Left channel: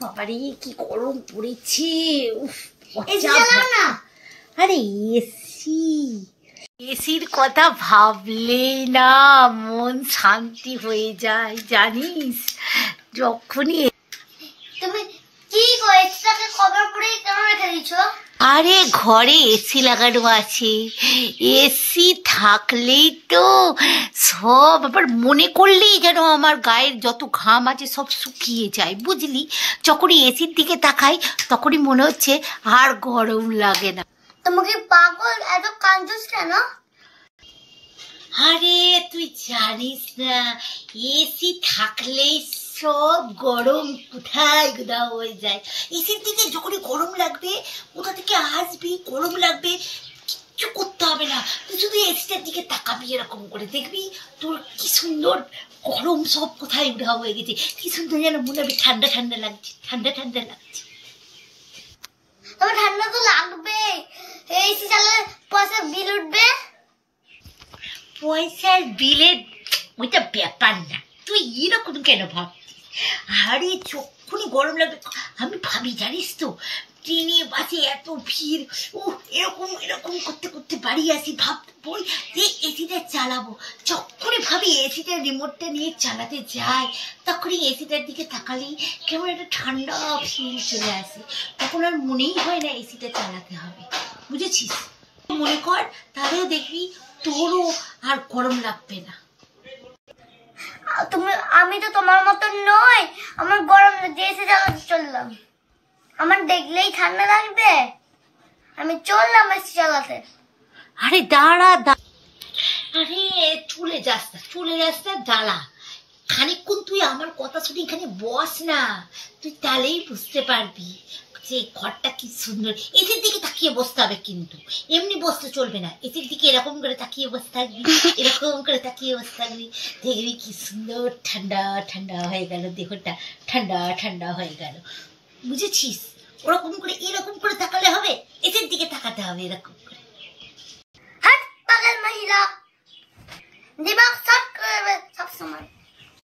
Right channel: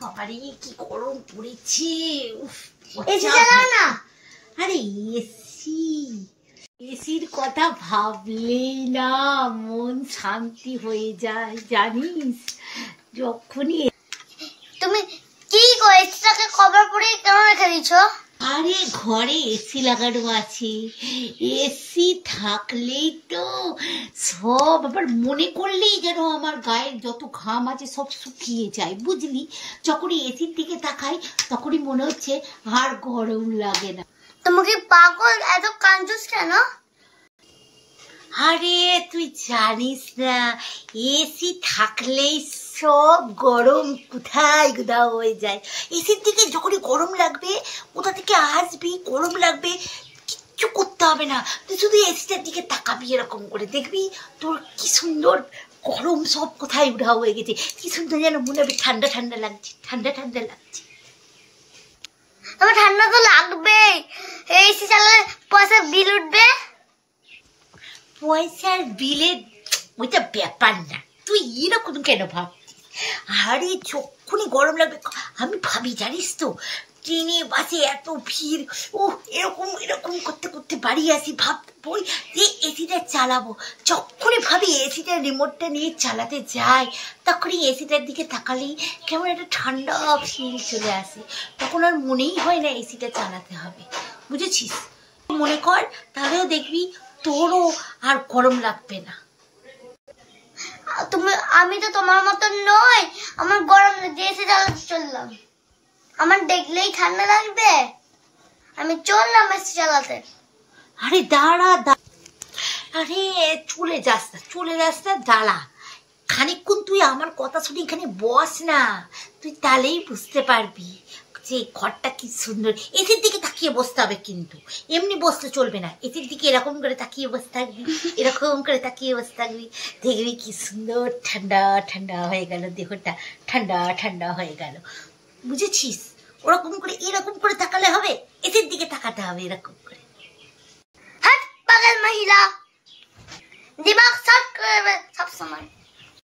আরে কি গরম পড়েছে। না আরে এসির কথা ভাবলেই না মন শান্তি হয়ে যায় জানিস। যখনই তুমি কি এসিটাকে কভার করে কেন রেখে দিছো? আরে ঘরে এসি লাগানো আছে, এসি থাকলেই তো সব আবার মনে করলেই যেন আমার গায়ের যত ঘাম আছে সব শুকিয়ে যায় বুঝলি। যখনই এসির দিকে তাকাই তখনই মনে হচ্ছে আর গরম লাগে না। তোমাকে পাগল, এত কাঞ্জুস কেন? আরে তুই জানিস না, এসি থাকলেই সব গরম কোথায় কোথাও হয়ে যায়। এসির দিকে যখনই গরম লাগবে কোথা থেকে আসবি, গরম লাগবে, কিচ্ছু করতে হবে না, তুই শুধু এসিটার দিকে তাকাবি এরকম করে, দেখবি তোর কি সুন্দর গরম সব কোথায় উধাও হয়ে গেছে, কি সুন্দর যেন মনে হবে ঠান্ডা ঠান্ডা লাগছে, ঠান্ডা ঠান্ডা লাগছে। তোমার ঠান্ডা তো লাগবেই, এসি চালালে পয়সা বিল উঠবে। পয়সার বিলের ওইটা ব্যাপার না, তুই এরকম কেন ভাবছিস? আরে যখনই গরম লাগবে আমি ভাবি জানিস তো, ট্রেনে বাসে এত ভিড়, ও এরকম এরকম করতে করতে বাড়ি আসি, ভাববই যে এসিটা চালাবো। যখনই ভাবি এসিটার রিমোটটা নিয়ে চালাতে যাই তখনই এসিটার দিকে তাকালেই কেমন একটা ঠান্ডা ফিল চলে আসে, তখন আর মনেই হয় না এসিটা চালাতে হবে, বুঝেছিস? মনে কর তাহলেও দেখবি তোরও আর গরম লাগবে না। আমি তো তোমার মতন নই, আমার গরম লাগছে, এসি চালাতে চললাম, আমার দেখলেই ঠান্ডা লাগবে, আমি চললাম এসি চালাতে। আরে দাঁড়া আরে চলে যাস না, দাঁড়া খানিকক্ষণ, তুই আমার কথা শুনে এখানে বস না, তুই তাহলেই বুঝতে পারবি যে ঘরটা কি সুন্দর। এসির দিকে তাকিয়ে বসতে হবে কিন্তু, এমনি বসতে চলবে না, এসির দিকে এরকম করে তাকিয়ে বসে থাকবি, এরকম করে তাকিয়ে বসে থাকবি, দেখবি কি সুন্দর ঠান্ডা ঠান্ডা হয়ে গেল, দেহটা ঠান্ডা ঠান্ডা হয়ে গেল, বুঝেছিস? ওরকম করে এরকম করে তাকালে হবে, এসির দিকে তাকাতে হবে এরকম করে। হাট পাগল মহিলা, দিমাগ শর্ট করে সব সময়।